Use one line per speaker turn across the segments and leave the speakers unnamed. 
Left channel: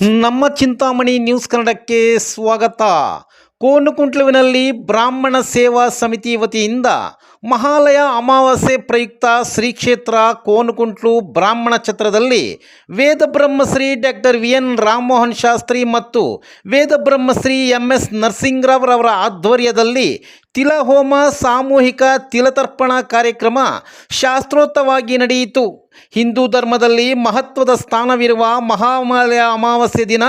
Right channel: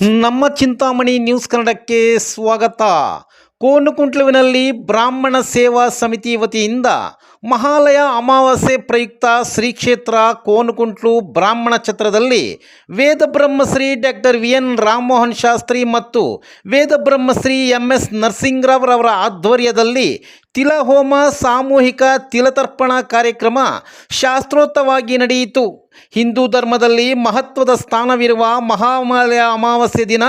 ನಮ್ಮ ಚಿಂತಾಮಣಿ ನ್ಯೂಸ್ ಕನ್ನಡಕ್ಕೆ ಸ್ವಾಗತ. ಕೋನುಕುಂಟ್ಲುವಿನಲ್ಲಿ ಬ್ರಾಹ್ಮಣ ಸೇವಾ ಸಮಿತಿ ವತಿಯಿಂದ ಮಹಾಲಯ ಅಮಾವಾಸ್ಯೆ ಪ್ರಯುಕ್ತ ಶ್ರೀ ಕ್ಷೇತ್ರ ಕೋನುಕುಂಟ್ಲು ಬ್ರಾಹ್ಮಣ ಛತ್ರದಲ್ಲಿ ವೇದ Brahmashri doctor V N Ramamohan Shastri ಮತ್ತು ವೇದ ಬ್ರಹ್ಮಶ್ರೀ ಎಂ ಎಸ್ ನರಸಿಂಗರಾವ್ರವರ ಆಧ್ವರ್ಯದಲ್ಲಿ ತಿಲಹೋಮ ಸಾಮೂಹಿಕ ತಿಲತರ್ಪಣ ಕಾರ್ಯಕ್ರಮ ಶಾಸ್ತ್ರೋತ್ತವಾಗಿ ನಡೆಯಿತು. ಹಿಂದೂ ಧರ್ಮದಲ್ಲಿ ಮಹತ್ವದ ಸ್ಥಾನವಿರುವ ಮಹಾಮಾಲಯ ಅಮಾವಾಸ್ಯೆ ದಿನ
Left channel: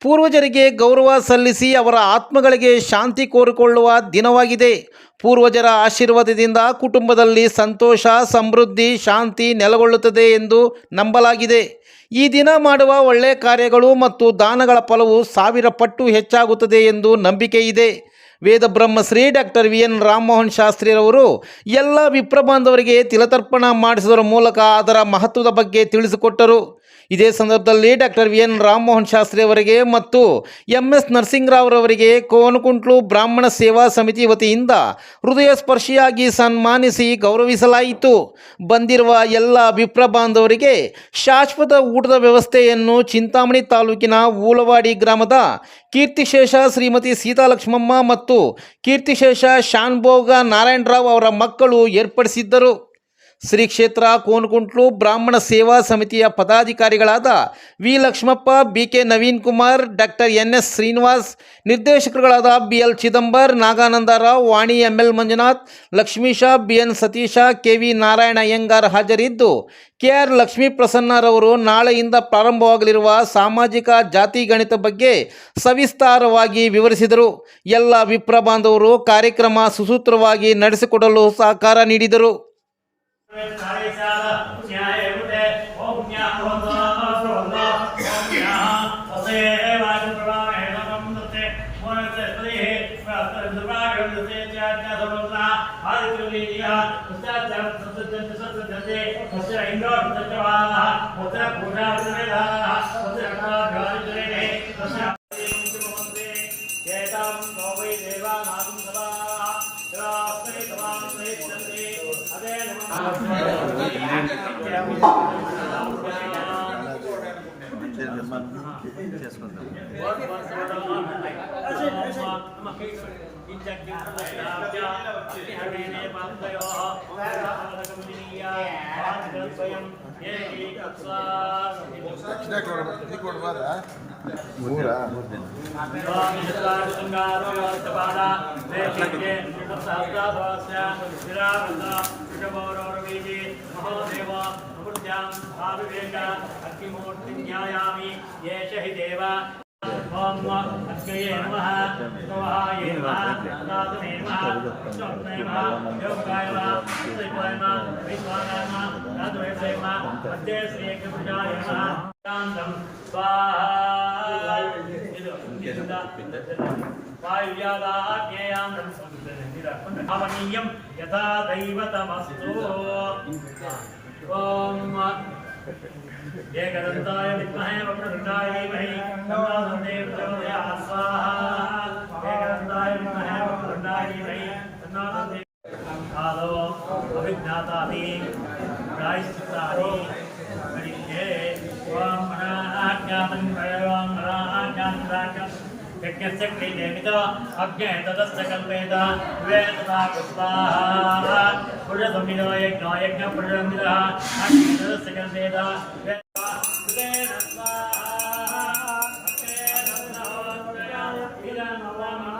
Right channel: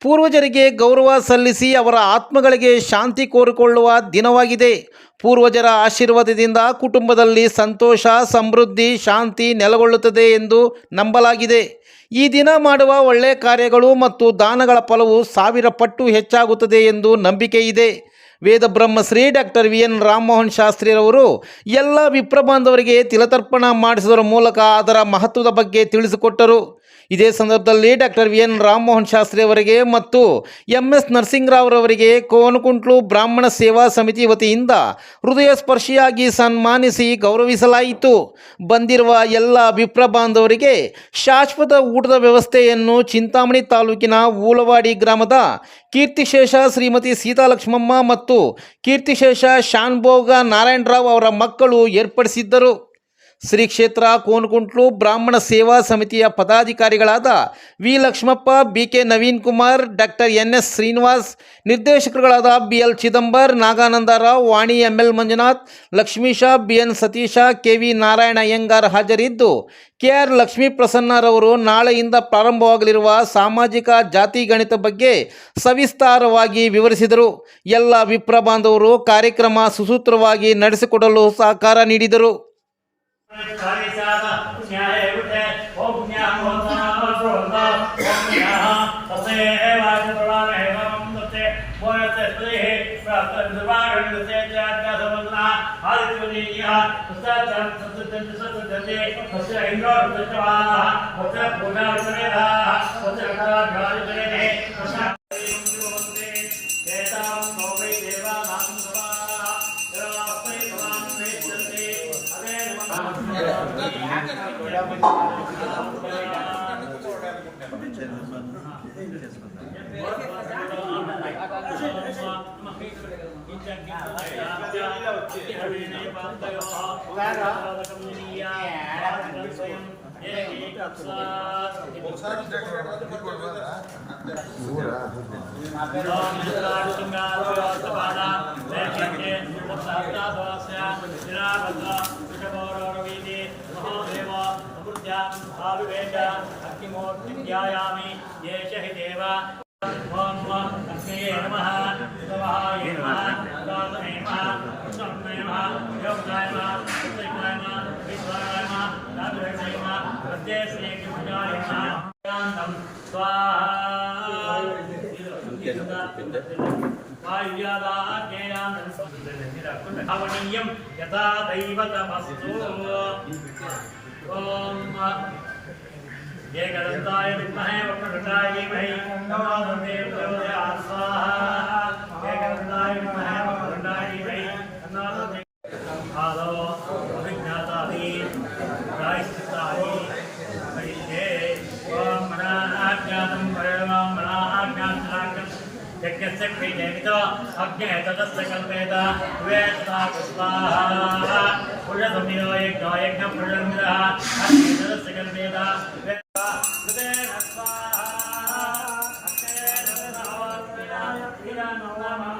ಪೂರ್ವಜರಿಗೆ ಗೌರವ ಸಲ್ಲಿಸಿ ಅವರ ಆತ್ಮಗಳಿಗೆ ಶಾಂತಿ ಕೋರಿಕೊಳ್ಳುವ ದಿನವಾಗಿದೆ. ಪೂರ್ವಜರ ಆಶೀರ್ವಾದದಿಂದ ಕುಟುಂಬದಲ್ಲಿ ಸಂತೋಷ, ಸಮೃದ್ಧಿ, ಶಾಂತಿ ನೆಲೆಗೊಳ್ಳುತ್ತದೆ ಎಂದು ನಂಬಲಾಗಿದೆ. ಈ ದಿನ ಮಾಡುವ ಒಳ್ಳೆಯ ಕಾರ್ಯಗಳು ಮತ್ತು ದಾನಗಳ ಫಲವು ಸಾವಿರ ಪಟ್ಟು ಹೆಚ್ಚಾಗುತ್ತದೆ ಎಂದು ನಂಬಿಕೆ ಇದೆ. ವೇದ ಬ್ರಹ್ಮಶ್ರೀ ಡಾಕ್ಟರ್ ವಿ ಎನ್ ರಾಮಮೋಹನ್ ಶಾಸ್ತ್ರಿರವರು ಎಲ್ಲ ವಿಪ್ರಬಾಂಧವರಿಗೆ ತಿಲತರ್ಪಣ ಮಾಡಿಸುವುದರ ಮೂಲಕ ಅದರ ಮಹತ್ವದ ಬಗ್ಗೆ ತಿಳಿಸಿಕೊಟ್ಟರು. ಇದೇ ಸಂದರ್ಭದಲ್ಲಿ doctor V N Ramamohan Shastri ಅವರಿಗೆ ಮತ್ತು ಎಂ ಎಸ್ ನರಸಿಂಗರಾವ್ರವರಿಗೆ ಕೋನಕುಂಟ್ಲು ಬ್ರಾಹ್ಮಣ ಸೇವಾ ಸಮಿತಿ ವತಿಯಿಂದ ಹೃದಯ ಸ್ಪರ್ಶಿಯಾಗಿ ಸನ್ಮಾನಿಸಿ ಗೌರವಿಸಲಾಯಿತು. ಬಂದಿರುವ ಎಲ್ಲ ವಿಪ್ರ ಬಾಂಧವರಿಗೆ ಶಾಶ್ವತ ಊಟದ ವ್ಯವಸ್ಥೆಯನ್ನು ಚಿಂತಾಮಣಿ ತಾಲೂಕಿನ ಊಲವಾಡಿ ಗ್ರಾಮದ ಕೀರ್ತಿಶೇಷ ಶ್ರೀಮತಿ ಸೀತಾಲಕ್ಷ್ಮಮ್ಮ ಮತ್ತು ಕೀರ್ತಿಶೇಷ ಶಾನ್ಭೋಗ ನಾರಾಯಣರಾವ್ ಅವರ ಮಕ್ಕಳು ಏರ್ಪಡಿಸಿದ್ದರು. ಶ್ರೀ ಕ್ಷೇತ್ರ ಕೋನಕುಂಟ್ಲು ಬ್ರಾಹ್ಮಣ ಸೇವಾ ಸಮಿತಿಯ ಪದಾಧಿಕಾರಿಗಳಾದ V Lakshmappa, B K Naveen Kumar doctor N S Srinivas, ನಿರ್ದೇಶಕರುಗಳಾದ B L Chidambar Nagananda Rao Vani M L Manjunath Lakshmisha B N Satisha, K V Narayana Iyengar ಹಾಜರಿದ್ದು. ಕೆ ಆರ್ ಲಕ್ಷ್ಮೀ ಪ್ರಸನ್ನರವರು ನಾಳೆಯಿಂದ ಪ್ರಾರಂಭವಾಗಲಿರುವ ಸಾಮಾಜಿಕ ಜಾತಿ ಗಣಿತ ಬಗ್ಗೆ ಸವಿಸ್ತಾರವಾಗಿ ವಿವರಿಸಿದರು. ಎಲ್ಲ ವಿಪ್ರ ಬಾಂಧವರು ಕಾರ್ಯಕ್ರಮ ಸುಸೂತ್ರವಾಗಿ ನಡೆಸಿಕೊಡಲು ಸಹಕಾರ ನೀಡಿದರು.
इंद्रो ऋतुचराः वज्र पूजा ऋतुवेदाः वज्र अग्राधिपतिः कृष्ण Thank you. स्वयं అభిమూర్తి ధ్యాయామి ఏష హి దేవా ఓం అగ్నయే నమ శివహాయ నమ దాసనే నమ కృష్ణరత్నే నమ యోగదాయ నమ కృష్ణాయ నమ విశ్వానాయ నమ యాదవేశే నమ మధ్యే శ్రీ యజ్ఞపుంజాయ నమ శాంతం స్వాహా వాయుయాదాజ్ఞేయాంతం యథా దైవతమస్తు ఓం एकदन्ताय विद्महे वक्रतुण्डाय धीमहि। तन्नो दुर्गे प्रचोदयात्। स्वाहा। एकदन्ताय विद्महे वक्रतुण्डाय धीमहि। तन्नो दुर्गे आदौ अभिज्ञातानि। प्रायश्चित्तानि। करिष्ये। परवां मनाज्ञातं यज्ञस्य क्रियेमितो अग्ने तदस्य कल्पेत वेदता पुष्पाः पुरुषसंविदो यज्ञो यज्ञपुरुषसंविदः अग्ने तदस्य कल्पेत वेदता कृतेन स्वाहा अग्ने नमः इदं नमः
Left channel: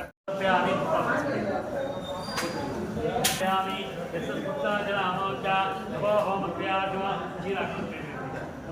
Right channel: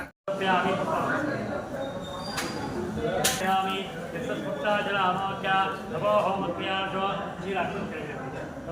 अक्षप्यामि यामि यस्पुष्टाजलामोक्या नभो होमक्रियार्जो शीलाक्षं नभो होमक्रियार्जो गुरुं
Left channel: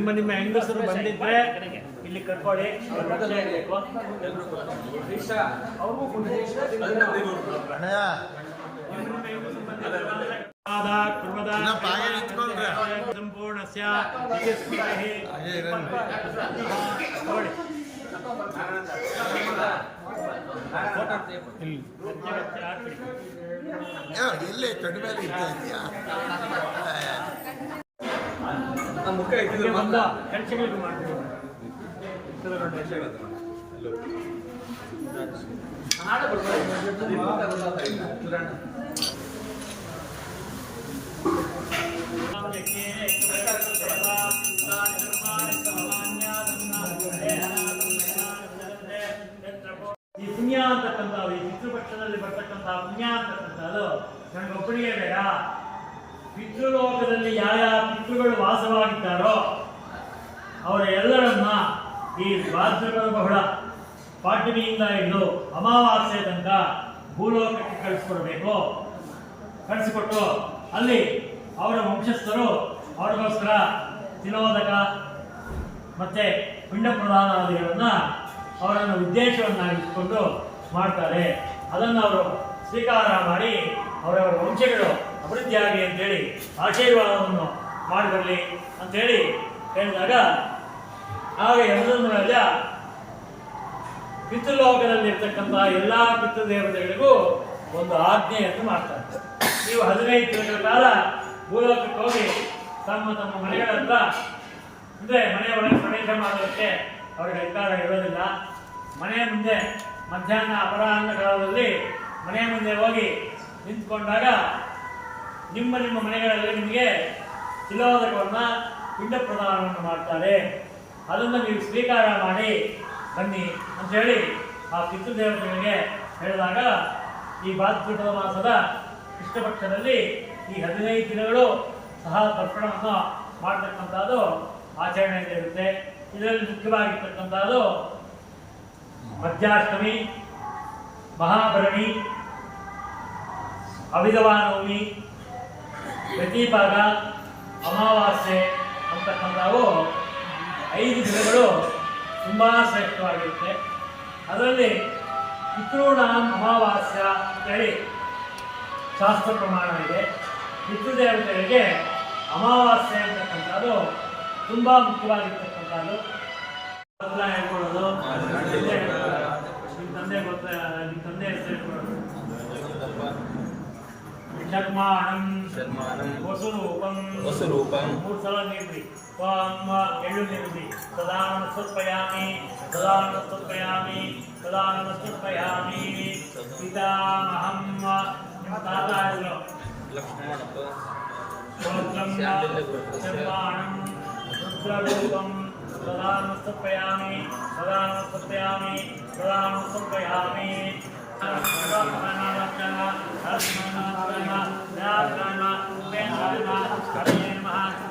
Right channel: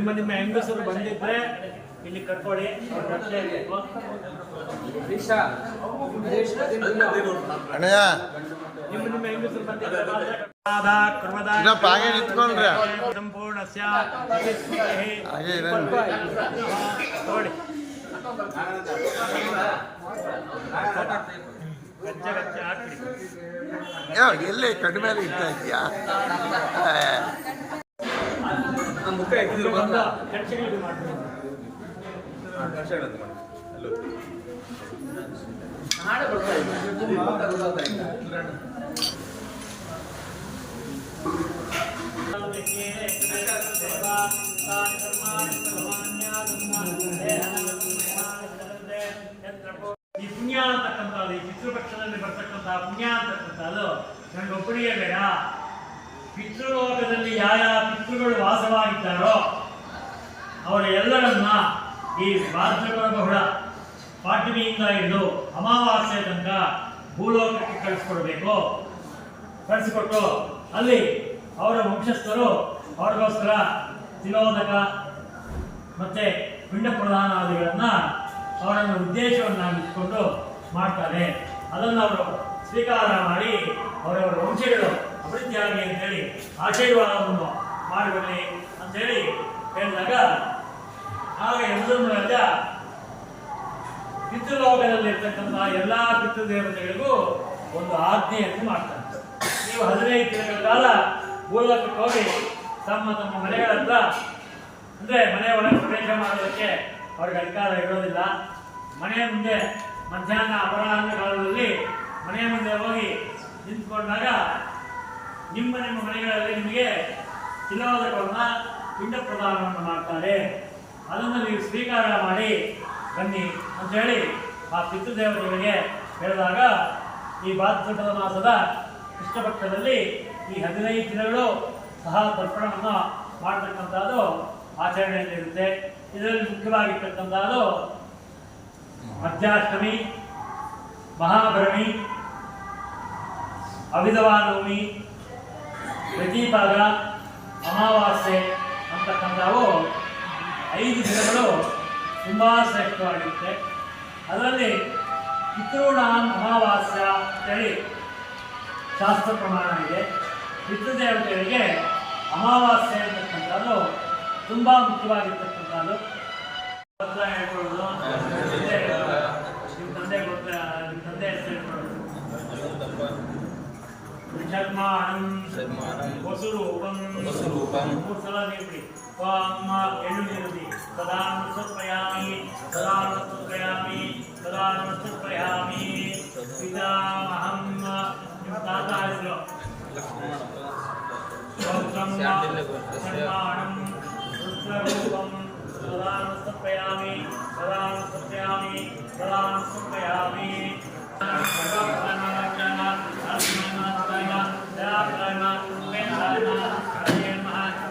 ನಿಮ್ಮ ನಿಮ್ಮ ಹೆಂಗಸರು ಬಂದಿದ್ರೆ ಇಲ್ಲಿ ಹಾಕ್ಬಿಡಿ.
ಯಾವ ಎಲ್ಲಿ ಕಡಿಮೆ ಇರ್ತಾ ಇದೆಯಾ
ಇದು ಮಾಡ್ಬಿಡಿ ಈ ಪುಣ್ಯ ಅಂತಕ್ಕಂಥದ್ದು ಈ ಪಿತೃಪಕ್ಷದಲ್ಲಿ ಬರ್ತಕ್ಕಂತಹ ಪುಣ್ಯ ಅಂತಕ್ಕಂಥದ್ದು ನನಗೊಬ್ಬರಿಗೆ ಬೇಡ. ಪಿತೃಲೋಕದಲ್ಲಿ ಯಾವ ಪಿತೃಗಳು ವಾಸವಾಗಿದ್ದಾರೋ ಅವರ ಎಲ್ಲರನ್ನ ಈ ಭಾದ್ರಪದ ಬಹುಳ ಪಾಡ್ಯಮಿಯಿಂದ ಹಿಡಿದು ಅಮಾವಾಸ್ಯ ತನಕ ಭೂಲೋಕಕ್ಕೆ ಕಳಿಸ್ಕೊಡ್ಬೇಕು. ಕಳಿಸಿಕೊಟ್ಟು ಅಲ್ಲಿ ಅವರ ವಂಶಸ್ಥರು ಅವ್ರಿಗೋಸ್ಕರ ತಿಲೋದಕ ಮತ್ತೆ ಪಿಂಡ ಪ್ರದಾನಾದಿಗಳನ್ನ ಅವರನ್ನು ಉದ್ದೇಶವನ್ನಾಗಿಟ್ಕೊಂಡು ಮಾಡ್ತಾರೆ. ಅದನ್ನು ಅವರು ಸ್ವೀಕಾರ ಮಾಡಿ ಅವರವರ ವಂಶಗಳು ಅಭಿವೃದ್ಧಿಯಾಗಲಿ ಅಂತೇಳಿ ಆಶೀರ್ವಾದವನ್ನು ಮಾಡಿರಲಿ ಅಂತೇಳಿ ಹೇಳಿದಾಗ, ಆಗ ಎಲ್ಲರನ್ನೆಲ್ಲ ಪಿತೃಲೋಕದಲ್ಲಿರ್ತಕ್ಕಂಥ ಎಲ್ಲ ಪಿತೃದೇವತೆಗಳಿಗೂ ಒಂದು ಆಜ್ಞೆಯನ್ನು ಮಾಡ್ತಾರೆ. ನೀವು ಹದಿನೈದು ದಿನಗಳ ಕಾಲ ಭೂಲೋಕಕ್ಕೆ ಹೋಗಿ ತಮ್ಮ ತಮ್ಮ ಮನೆಗಳ ಹತ್ರ, ಅಂದ್ರೆ ಮನೆಯ ಒಳಗೆ ಪ್ರವೇಶ ಮಾಡೋದಕ್ಕೆ ಅವ್ರಿಗೆ ಅಧಿಕಾರ ಇರೋದಿಲ್ಲ. ಮನೆಯ ಮುಂದೆ ಮಧ್ಯಾಹ್ನ ಅಪರಾಹ್ನ ಕಾಲದಲ್ಲಿ ಮನೆಯ ಮುಂದೆ ಹೋಗಿ ನಿಂತ್ಕೊಂಡಾಗ ನಿಮ್ಮ ನಿಮ್ಮ ಮನೆಗಳಲ್ಲಿ ನಿಮಗೆ ತಿಲೋದಕವನ್ನ ಪಿಂಡ ಪ್ರದಾನವನ್ನು ಮಾಡ್ತಾರೆ. ಅದನ್ನು ನೀವು ಸ್ವೀಕಾರ ಮಾಡಿ ಬನ್ನಿ ಅಂತೇಳಿ ಆ ಪಿತೃದೇವತೆಗಳಿಗೆ ಹೇಳಿದಾಗ ಈ ಭಾದ್ರಪದ ಮಾಸದ ಕೃಷ್ಣಪಕ್ಷದಲ್ಲಿ ಈ ಹದಿನೈದು ದಿನಗಳು ಸಹ ತರ್ಪಣವನ್ನು ಮಾಡ್ತಕ್ಕಂಥದ್ದು ಆಚರಣೆಯಲ್ಲಿರುತ್ತೆ ಇದರಲ್ಲಿ ಮುಖ್ಯವಾಗಿರ್ತಕ್ಕಂಥದ್ದು ಮಧ್ಯಾಷ್ಟಮಿ ಮಹಾಭರಣಿ ಅವಿಧವಾನವಮಿ ಪ್ರತಿಪಾದ ಅಮಾವಾಸ್ಯೆ ಅಂತಕ್ಕಂಥವು ಐದು ದಿನಗಳು ತುಂಬ ಶ್ರೇಷ್ಠವಾಗಿರುತ್ತೆ. ಅದರಲ್ಲಿ ಪಿತೃಣಾಂ ಅಮಾವಾಸ್ಯ ಅಂತೇಳಿ ಶಾಸ್ತ್ರ ಪ್ರಮಾಣ ಇದೆ. ಪಿತೃದೇವತೆಗಳಿಗೆ ಅಮಾವಾಸ್ಯೆ ಅಂತಕ್ಕಂಥದ್ದು ತುಂಬ ಮುಖ್ಯವಾಗಿರ್ತಕ್ಕಂಥದ್ದು. ಹೇಳ್ಕೊಳ್ಳೋದು. ತಂದೆ ನಿಮ್ಮ ತಂದೆ ಗೊತ್ತ ನಿಮ್ಮ ತಂದೆ ಹೆಸರು ಹೇಳ್ಕೊಳ್ಳೋದು ಶರ್ಮಾಣಂ ವಸುರೂಪಂ
ವಸುರೂಪಂ
ಮೂರು ಸಲ ನೀಡ್ರಿ ತ್ವಾಂ ಎಳ್ಳು ನೀಡ್ರಿ ಸದಾ ನಮಸ್ಕೃತ್ಪಯಾಮಿ ಸದಾ ನಮಸ್ಕೃತ್ಪಯಾಮಿ ಸದಾ ನಮಸ್ಕೃತ್ಪಯಾಮಿ ಪಿತಾಮಹಂ ನಿಮ್ಮ ತಾತ ಹೆಸರು
ಲಕ್ಷ್ಮಣಪ್ಪ
ಗೋತ್ರಂ
ಶಾಂಡಿಲ್ಯ ಗೋತ್ರಸ್ಯ
ಶರ್ಮಾಣಂ ರುದ್ರರೂಪಂ ಸದಾ ನಮಸ್ಕೃತ್ಪಯಾಮಿ ಸದಾ ನಮಸ್ಕೃತ್ಪಯಾಮಿ ಸದಾ ನಮಸ್ಕೃತ್ಪಯಾಮಿ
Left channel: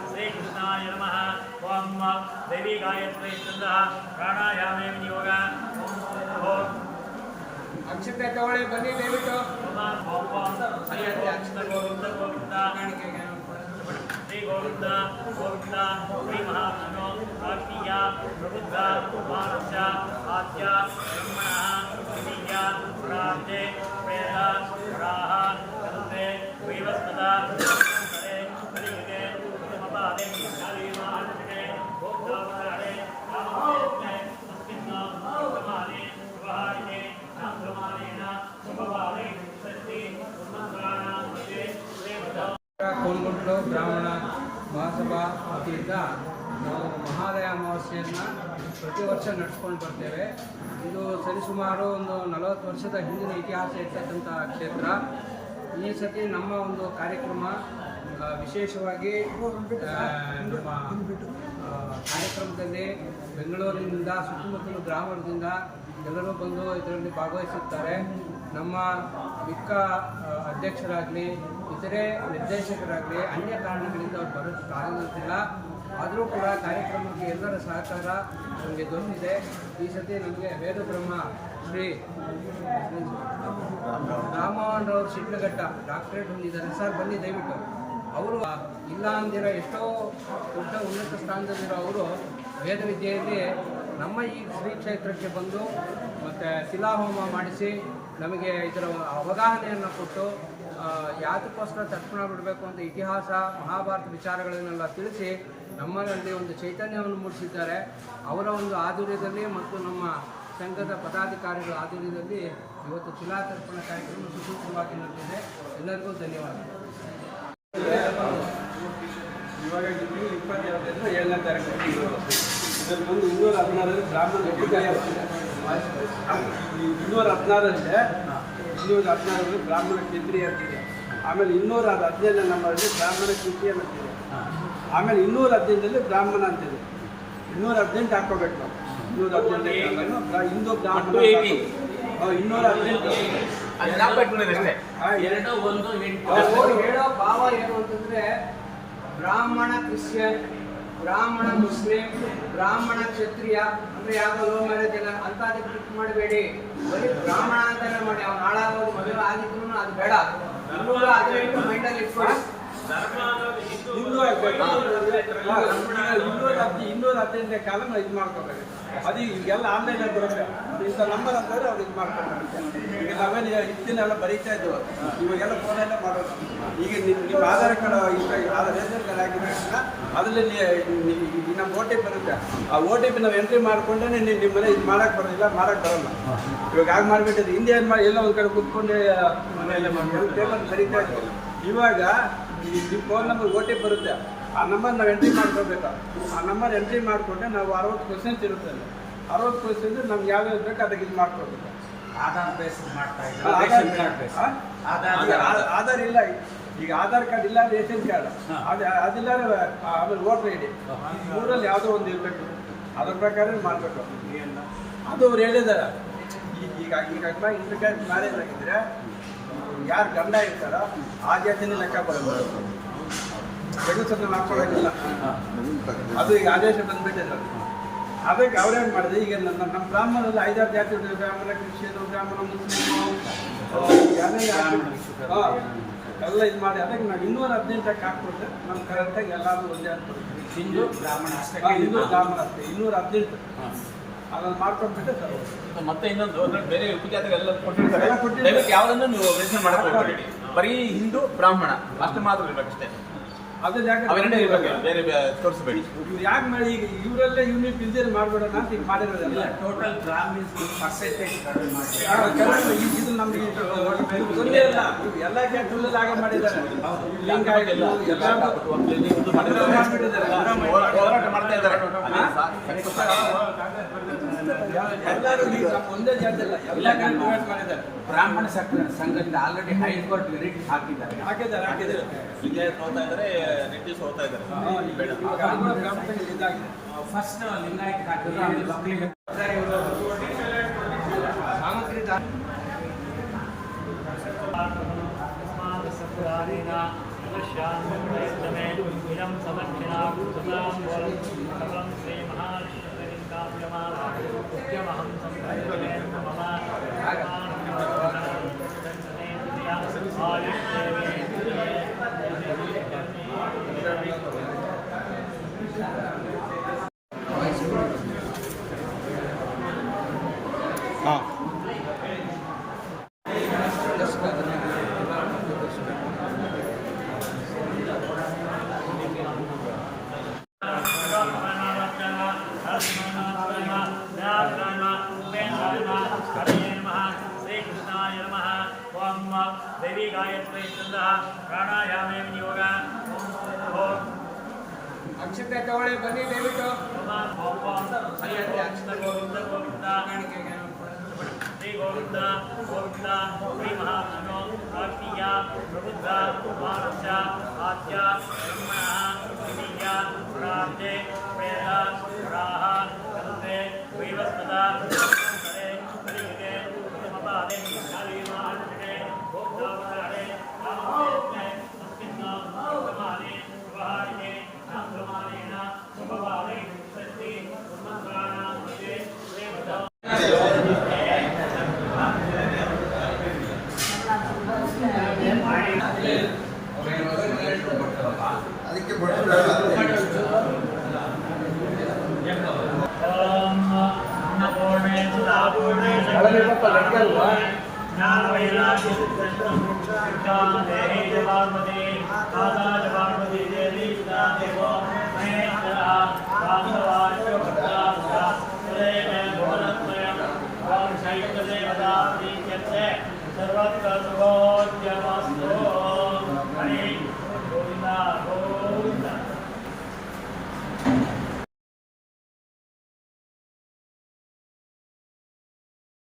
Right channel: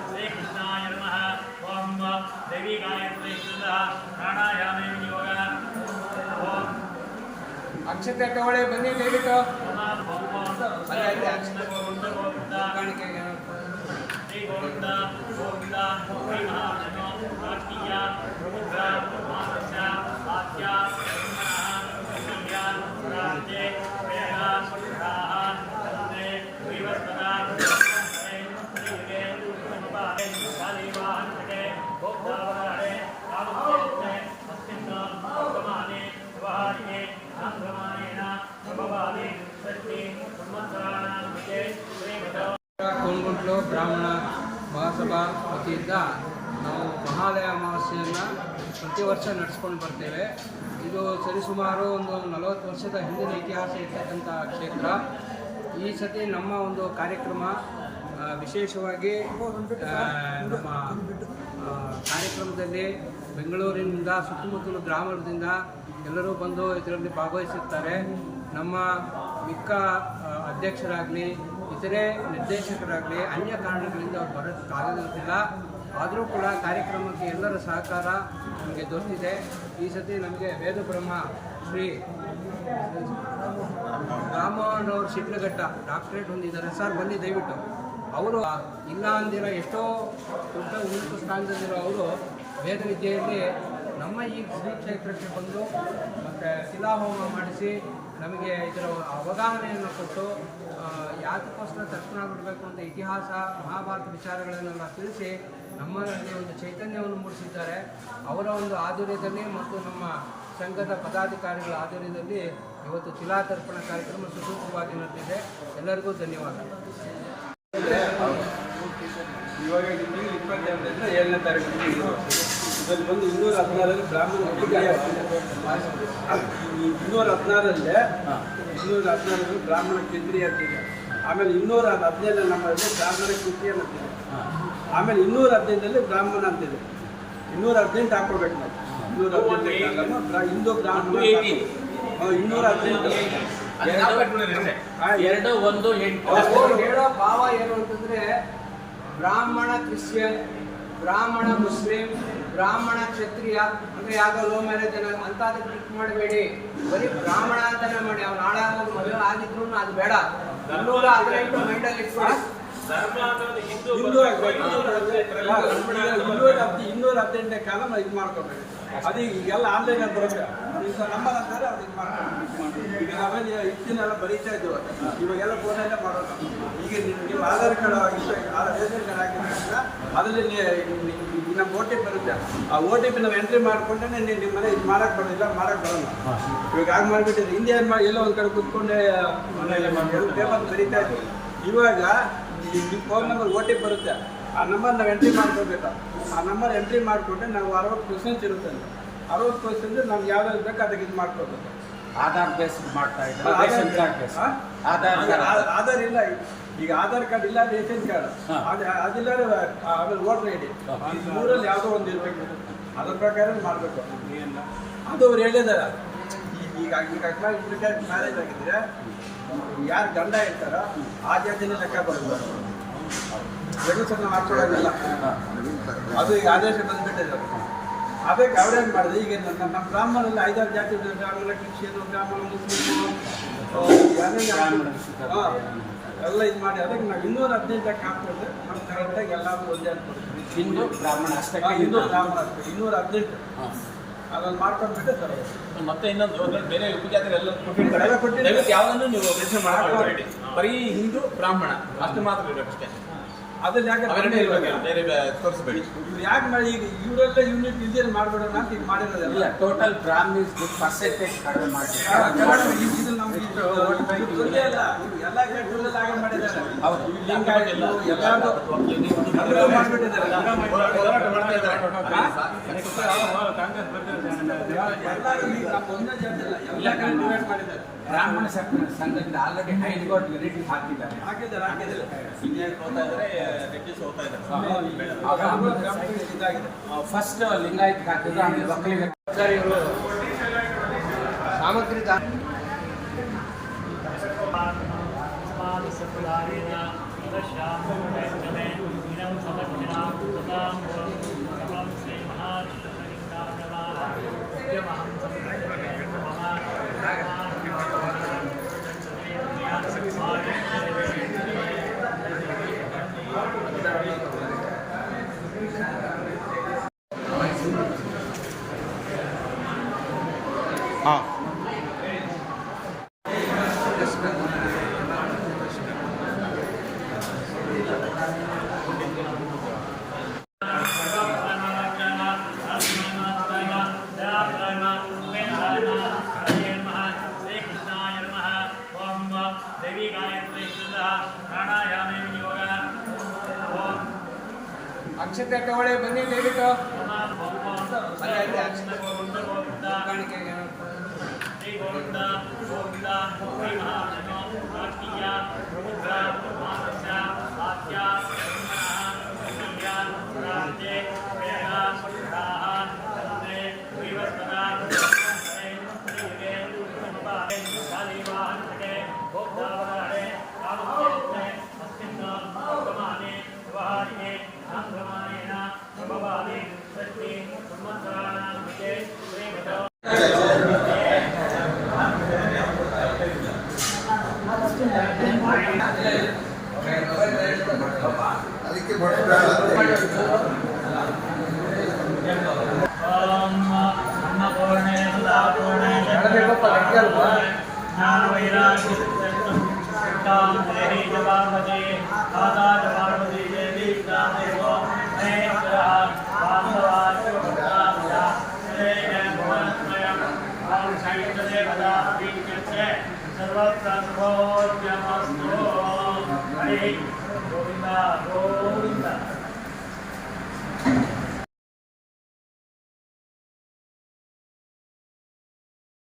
ಶ್ರೀಕೃಷ್ಣಾಯ ನಮಃ ಓಂ ದೇವಿ ಗಾಯತ್ರಿ ಪ್ರಾಣಾಯಾಮೇ ವಿನಿಯೋಗ ಓಂ
ಅಕ್ಷತೆ ತಗೊಳ್ಳಿ ಬನ್ನಿ ದಯವಿಟ್ಟು
ಶ್ರೀ ಗೋವಿಂದ ಗೋವಿಂದ ಶ್ರೀ ಮಹಾತ್ಮ ಕಾರ್ತಿಯ ಪ್ರಬುದ್ಧ ಮಾನುಷ ಆದ್ಯ ಬ್ರಹ್ಮಣಃ ಕಪಿಯ ಪರಾಂತೆ ವೇದ ರಾಹ ಕಂದೆ ವೈವಸ್ವತ ಕಾಲಿ ಮಹಾನುಷೆ ಗೋಪ್ತಾವರಣೆ ಕಾಮಸೇನೆ ಅಸ್ಮಿನ್ನ ವರ್ತಮಾನೆ ವ್ಯವಹಾರಿಣೆ ನಾಗಮಾನೇನ ಪ್ರಭವಾದಿ ಷಷ್ಠಿ ಸಂವತ್ಸರಾಣಾಂ ಮಧ್ಯೆ ಶ್ರೀಮತೋ
ಕೋನ್ಗುಂಟ್ಲು ಬ್ರಾಹ್ಮಣ ಮಹಾಸಭಾ ವತಿಯಿಂದ ನಾವು ಮಹಾಲಯ ಅಮಾವಾಸ್ಯೆಯನ್ನು ಪ್ರತಿ ವರ್ಷ ನಡೆಸ್ಕೊಂಡು ಬರ್ತೇವೆ. ಇದು ಸರಿಸುಮಾರು ಒಂದು ನಲವತ್ತು ವರ್ಷದ ಹಿಂದಿನ ಇತಿಹಾಸ ಇರ್ತಕ್ಕಂಥ ಕ್ಷೇತ್ರ. ಈ ಸತಿ ನಮ್ಮ ಒಂದು ಕಾರ್ಯಕ್ರಮ ವಿಶೇಷವಾಗಿ ನಮ್ಮ ಕಾರ್ಯಕ್ರಮದಲ್ಲಿ ಬೆಂಗಳೂರಿನಿಂದ ಸುತ್ತಮುತ್ತಲು ಗ್ರಾಮದಿಂದ ಎಲ್ಲರೂ ಬಂದು ಇದರಲ್ಲಿ ಭಾಗವಹಿಸುತ್ತಾರೆ. ನಮ್ಮ ಮಿಕ್ಕ ಅಧ್ಯಕ್ಷರಾಗಲಿ, ಇತರೆ ನಿರ್ದೇಶಕರಾಗಲಿ, ಅನ್ಯ ಕಾರಣಗಳಿಂದ ಅವ್ರು ಬರೋಕ್ಕಾಗೋದಿಲ್ಲ ಆದರೂ ಕೂಡ ಕಾರ್ಯಕ್ರಮಕ್ಕೆ ಎಲ್ಲರ ಸಹಕಾರ ನಮಗೆ ದೊರೆತಿದೆ. ಈ ಸತಿ ನಮಗೆ ವೇದ ಬ್ರಹ್ಮ ಶ್ರೀ ರಾಮಮೋಹನ್ ರಾವ್ ಶಿಡ್ಲಘಟ್ಟ ಡಾಕ್ಟ್ರೇಟ್ ಹೊಂದಿದ್ದಾರೆ. ಸರ್, ಬನ್ನಿ ದಯವಿಟ್ಟು. ಅವರು ಇಲ್ಲ ಅಂದಿರ ಎಷ್ಟೋ ದೊಡ್ಡ ಉನ್ನತ ಸ್ಥಾನದಲ್ಲಿರೋ ಅವರು ವೇದ ವಿದ್ಯೆಯಲ್ಲಿ ನಮ್ಮ ಈ ಶ್ರೀ ಕ್ಷೇತ್ರಕ್ಕೆ ಬಂದು ಮತ್ತು ಶಿಲಾಹೋಮ ಮಾಡಿಸಿ ನಮಗೆ ಇದರ ಅವಗಾಹನೆಯನ್ನು ಕೊಟ್ಟು ಯಾತಕ್ಕೋಸ್ಕರ ತರ್ಪಣ ಬಿಡಬೇಕು ಅಂತ ಇತಿಹಾಸ, ಮಹಾಭಾರತ ವಿಚಾರಗಳನ್ನೆಲ್ಲ ತಿಳಿಸಿ ನಮ್ಮಲ್ಲಿ ಒಂದು ಚೈತನ್ಯವನ್ನು ಮೂಡಿಸಿದ್ದಾರೆ. ಅವರ ಒಂದು ಆಧುರ್ಯದಲ್ಲಿ ಮತ್ತು ನಮ್ಮ ಸಂಘದ ಪದಾಧಿಕಾರಿಗಳ ಆಧುರ್ಯದಲ್ಲಿ ಇವತ್ತು ಶಿಲಾತರ್ಪಣ ಕಾರ್ಯಕ್ರಮ ಸುಸೂತ್ರವಾಗಿ ನಡೆದಿದೆ. ಎಲ್ಲರಿಗೂ ಧನ್ಯವಾದ.
ಇವಾಗ ಏಳನೇ ತಾರೀಕು ಇದರಲ್ಲಿ ಬಂದು ಇನ್ನೂರ ಹದಿನಾರರಲ್ಲಿ ಬ್ರಾಹ್ಮಣ ಇನ್ನೂರ ಹದಿನಾರರಲ್ಲಿ ಇನ್ನೂರ ಹದಿನಾರರಲ್ಲಿ ಬ್ರಾಹ್ಮಣ ಕೇಂದ್ರೀಯ ಅಂತಿದೆ ಆಮೇಲೆ ಇನ್ನೂರ ಹದಿನೈದು ನಮ್ಮಲ್ಲಿ ಬ್ರಾಹ್ಮಣ ಕಿಂಚಿಯನ್ ಅಂತಿದೆ ಆಮೇಲೆ ಇನ್ನೂರ ಹದಿನೈದಲ್ಲಿ ಬ್ರಾಹ್ಮಣ ಅಂತಿದೆ. ಇನ್ನೂರ ಹದಿನೆಂಟು ಹಾಕೋಬೇಕು ನಾವು. ಇನ್ನೂರ ಹದಿನೆಂಟು ಹಿಂದೂ ಬ್ರಾಹ್ಮಣ ಇನ್ನೂರ ಹದಿನೆಂಟು. ಎರಡು
ಒಂದು ಎಂಟು.
ಹೇಳೋ ಭಾವ ಏನು ಅಂತಂದ್ರೆ ಬ್ರಾಹ್ಮಣ ಕ್ರಿಶ್ಚಿಯನ್ ಬ್ರಾಹ್ಮಣ ಮುಸ್ಲಿಂ ಬ್ರಾಹ್ಮಣ ಕ್ಷತ್ರಿಯ, ಅಂದ್ರೆ ಯಾಕೋ ಲೋ ಮ್ಯಾರೇಜ್ ಏನ ಅಂತದಕ್ಕೆ ಕ್ಲಿಕ್ ಮಾಡಬೇಡಿ. ಬರೀ ಬ್ರಾಹ್ಮಣ ಅಂತಾನೆ ಮಾಡಿ, ಅವ್ನು ನಾಳೆ ಆಗೋದು ಮದುವೆ ಆಗಿದ್ರು ಅದು ಬೇಡ. ಇನ್ನೂರ ಹದಿನೆಂಟು ಮೈಂಡಲ್ಲಿ ಇಟ್ಕೊಳ್ಳಿ.
ಇನ್ನೂರ ಇನ್ನೂರ ಹತ್ತು, ಇನ್ನೂರ ಕಾಲ ಇದು ಮಾಡ್ಕೋಬೇಕು ಅದು ಈಗೆಲ್ಲ ಆನ್ಲೈನ್ ಬರುತ್ತೆ. ಇಂಥ ನಂಬರ್ ಅಂತಂದ್ರೆ ಅವ್ರು ಇದು ಮಾಡ್ಕೊಬೇಕು ಈಗ ನಾವೇನು ಇತ್ತಿನ ಬರೀತಾ ಇದ್ವು ಇವಾಗೆಲ್ಲ ಫೋನಲ್ಲೇ ಮಾಡೋದು ಈಗ ನಿಮ್ಗೆ ಆಧಾರ್ ಕಾರ್ಡ್ ಈಗ ರೇಷನ್ ಕಾರ್ಡ್ ತಕ್ಷಣ ಅದರಲ್ಲಿ ನಮ್ಮ ಓ ಟಿ ಪಿ ಇರುತ್ತೆ. ಆ ಓ ಟಿ ಪಿ ನಾವು ಎಂಟ್ರಿ ಮಾಡ್ಕೊಂಡ್ರೆ ನೀವು ನಿಮ್ಮ ಮನೆ ಇದು ಮಾಡೋಕೆ ಬರೋದಿಲ್ಲ ಮಾಡೋಕೆ ಬರಲ್ಲ. ಇವಾಗ ಹಾಗೆ ಮಾಡಿಬಿಟ್ಟಿದ್ದು. ಹಿಂದೆ ಏನು ಮಾಡಿ ಎಲ್ಲೋ ಒಂದು ಕಡೆ ಕೂತ್ಕೊಂಡೆ ಪೇಪರ್ ಬರೀತಾ ಇದ್ವು ಇವಾಗ ನಿಮ್ಮ phone number O T P ಬರುತ್ತೆ. ಆ ನಂಬರ್ ನಾವು ಎಂಟ್ರಿ ಮಾಡ್ಕೋಬೇಕು ಆ ನಂಬರ್ ಎಂಟ್ರಿ ಮಾಡಿಕೊಂಡ್ರೆ ನಾವು ಅರವತ್ತು ಕ್ವಶನ್ಸ್ ಇರುತ್ತೆ ಅಲ್ಲಿ. ಅರವತ್ತು ಪರ್ಸೆಂಟ್ ನಮ್ಗೆ ಯಾವ್ದಾದ್ರು ಬೇಕು ಅದಕ್ಕೆ ಇದು ಮಾಡ್ಕೋಬೇಕು
ಆಧಾರ್ ಬೇಸ್ ಮಾಡ್ತಾ
ಇದ್ದಾರೆ ಆಧಾರ್ ಇಲ್ಲ. ಈಗ ಆಧಾರ್ ಕಾರ್ಡ್ ಇಲ್ಲ ರೇಷನ್ ಕಾರ್ಡ್. ಅದು ಅದಿಲ್ಲ ಆಮೇಲೆ ವೋಟರ್ ಐ ಡಿ. ಮೂರಲ್ಲಿ ಯಾವುದೋ ಒಂದು ಇರಬೇಕು. ಅದ್ರ ಪ್ರಕಾರ ಮಾಡಬೇಕು. ಅದು ಅವ್ರು ಹೇಳಿದಾರ. ಈಗ ಈಗ ಇಂಟರ್ ಮ್ಯಾರೇಜ್ ಆಗಿದ್ರೆ ಯಾರು ಗಂಡ ಇರ್ತಾರೋ ಆ ಜಾತಿನೇ ಲೆಕ್ಕ ಬರೋದು ಸಣ್ಣ ಮಾಡ್ಕೊಳ್ಳೋದಿಲ್ಲ. ಅದು ಈಗ ಆದೇಶ ಬಂದ್ಬಿಟ್ಟಿದೆ. ಅದು. ಅದಕ್ಕೆ ಅವ್ರೇನು ಮಾಡಿದೆ ಈಗ ನಮ್ಮ ನಮ್ಮ ಬ್ರಾಹ್ಮಣರಲ್ಲಿ ಐದಾರು ಜಾತಿ ಬ್ರಾಹ್ಮಣ ಕ್ರಿಶ್ಚಿಯನ್ ಬ್ರಾಹ್ಮಣ ಮುಸ್ಲಿಮ್ ಎಲ್ಲ ಇದು ಮಾಡಿ ಅದಕ್ಕೆ ನಾವು ಇನ್ನೂರ ಹದಿನೆಂಟಕ್ಕೆ ಹಾಕ್ಕೊಂಡ್ರೆ ನಮ್ಮ ಕರೆಕ್ಟಾಗಿ ಎಲ್ಲರೂ ಒಂದೇ ಅಂತ
ಹಿಂದೂ ಬ್ರಾಹ್ಮಣ ಅಷ್ಟೇ
ಹಿಂದೂ ಬ್ರಾಹ್ಮಣ ಅಷ್ಟೇ ಇನ್ನೂರ ಹದಿನೆಂಟು. ಅದ್ರಲ್ಲಿ ಮಾಡ್ಕೊಂಡ್ಬಿಟ್ಟು ಸರ್
ಮತ್ತೆ ಇನ್ನೊಂದು ಅದ್ರಲ್ಲಿ ಬೇರೆ ಉಪಜಾತಿಗಳೆಲ್ಲ ಕೊಟ್ಟಿರ್ತಾರೆ.
ಎಲ್ಲ ಕೊಟ್ಟಿರ್ತಾರೆ.
ದಯವಿಟ್ಟು ಯಾವ್ದನ್ನು ನೀವು ಹೋಗ್ಬೇಡಿ ಬರೀ ಹಿಂದೂ ಬ್ರಾಹ್ಮಣ ಅಷ್ಟು ಮಾತ್ರ ಇರ್ಬೇಕಷ್ಟೇ.
ಅದು ಯಾಕೆ
ಅವೆರಡೇ ಇರ್ಬೇಕು ಬೇರೆ ತೋರಿಸ್ಬೇಡಿ
ಇವ್ರು ಯಾಕೆ ಮಾಡಿ ಈಗ ಇವರೆಲ್ಲ ಯೂನಿಟ್ ಇಲ್ದೇನೆ ಮಾಡ್ಬೇಡೋಣ ಅಂತ ಈಗ ಮಾಡಿರೋದಲ್ಲ
ಟೋಟಲ್ ಬ್ರಾಹ್ಮಿನ್ಸ್ ಪರ್ಸೆಂಟೇಜ್ ಕಡಿಮೆ ಮಾಡಿ
ಇದು ನಮ್ಗೆ ಇದು ಇದು ಇಲ್ಲ. ಎಲ್ಲ ಕೇಟಲ್ಲಿ ಹಾಗೆ ಮಾಡಿದ್ದಾರೆ. ಎಲ್ಲಾರ್ದು ಎಲ್ಲರೂ ಮಾಡ್ಬಿಟ್ಟಿದ್ದಾರೆ.
ಹೋರಾ- ಹೋರಾಟ ಮಾಡ್ತಾ ಇದ್ದಾರೆ.
ಎಲ್ಲರೂ
ಬ್ರಾಹ್ಮಣ ಸಂಘ- ಸಂಘದಿಂದ ಆಲ್ರೆಡಿ ಹೈಕೋರ್ಟ್ ಮೆರಿಟ್ ಹಾಕಿದ್ದಾರೆ.
ವಿಜಯ್ ಹೋಗ್ತಾ ಇದ್ದಾರೆ. ರೆಡ್ಡಿಸ್ ಹೋಗ್ತಾ ಇದ್ದಾರೆ
ಇವಾಗ
Từ
trước.
ದೇವಿ ಗಾಯತ್ರಿ ಪ್ರಾಣಾಯಾಮೇ ಯೋಗ ಓಂ
ಅಕ್ಷತೆ ತಗೊಳ್ಳಿ ಬನ್ನಿ ದಯವಿಟ್ಟು
ಓಂ ಓಂ
ಅಲ್ಲಿ ಅಲ್ಲಿ ಅಕ್ಷತೆ
ಗೋವಿಂದ
ಕಾಣಿಕೆಗೆ
ಶ್ರೀ ಗೋವಿಂದ ಗೋವಿಂದ ಶ್ರೀ ಮಹಾವಿಷ್ಣು ಕಾರ್ತಿಯ ಪ್ರಬುದ್ಧ ಮಾನಸ ಆದ್ಯ ಬ್ರಹ್ಮಣ ಕೀಯ ಪರಾಜ್ಯ ವೇದ ರಾಹ ಕಂದೆ ವೈವಸ್ಪದ
ಒಳಗೆ ಹೋಗ್ತಾ ಲೆಕ್ಕ ಅಲ್ವಾ?
ಜ್ಞಾನ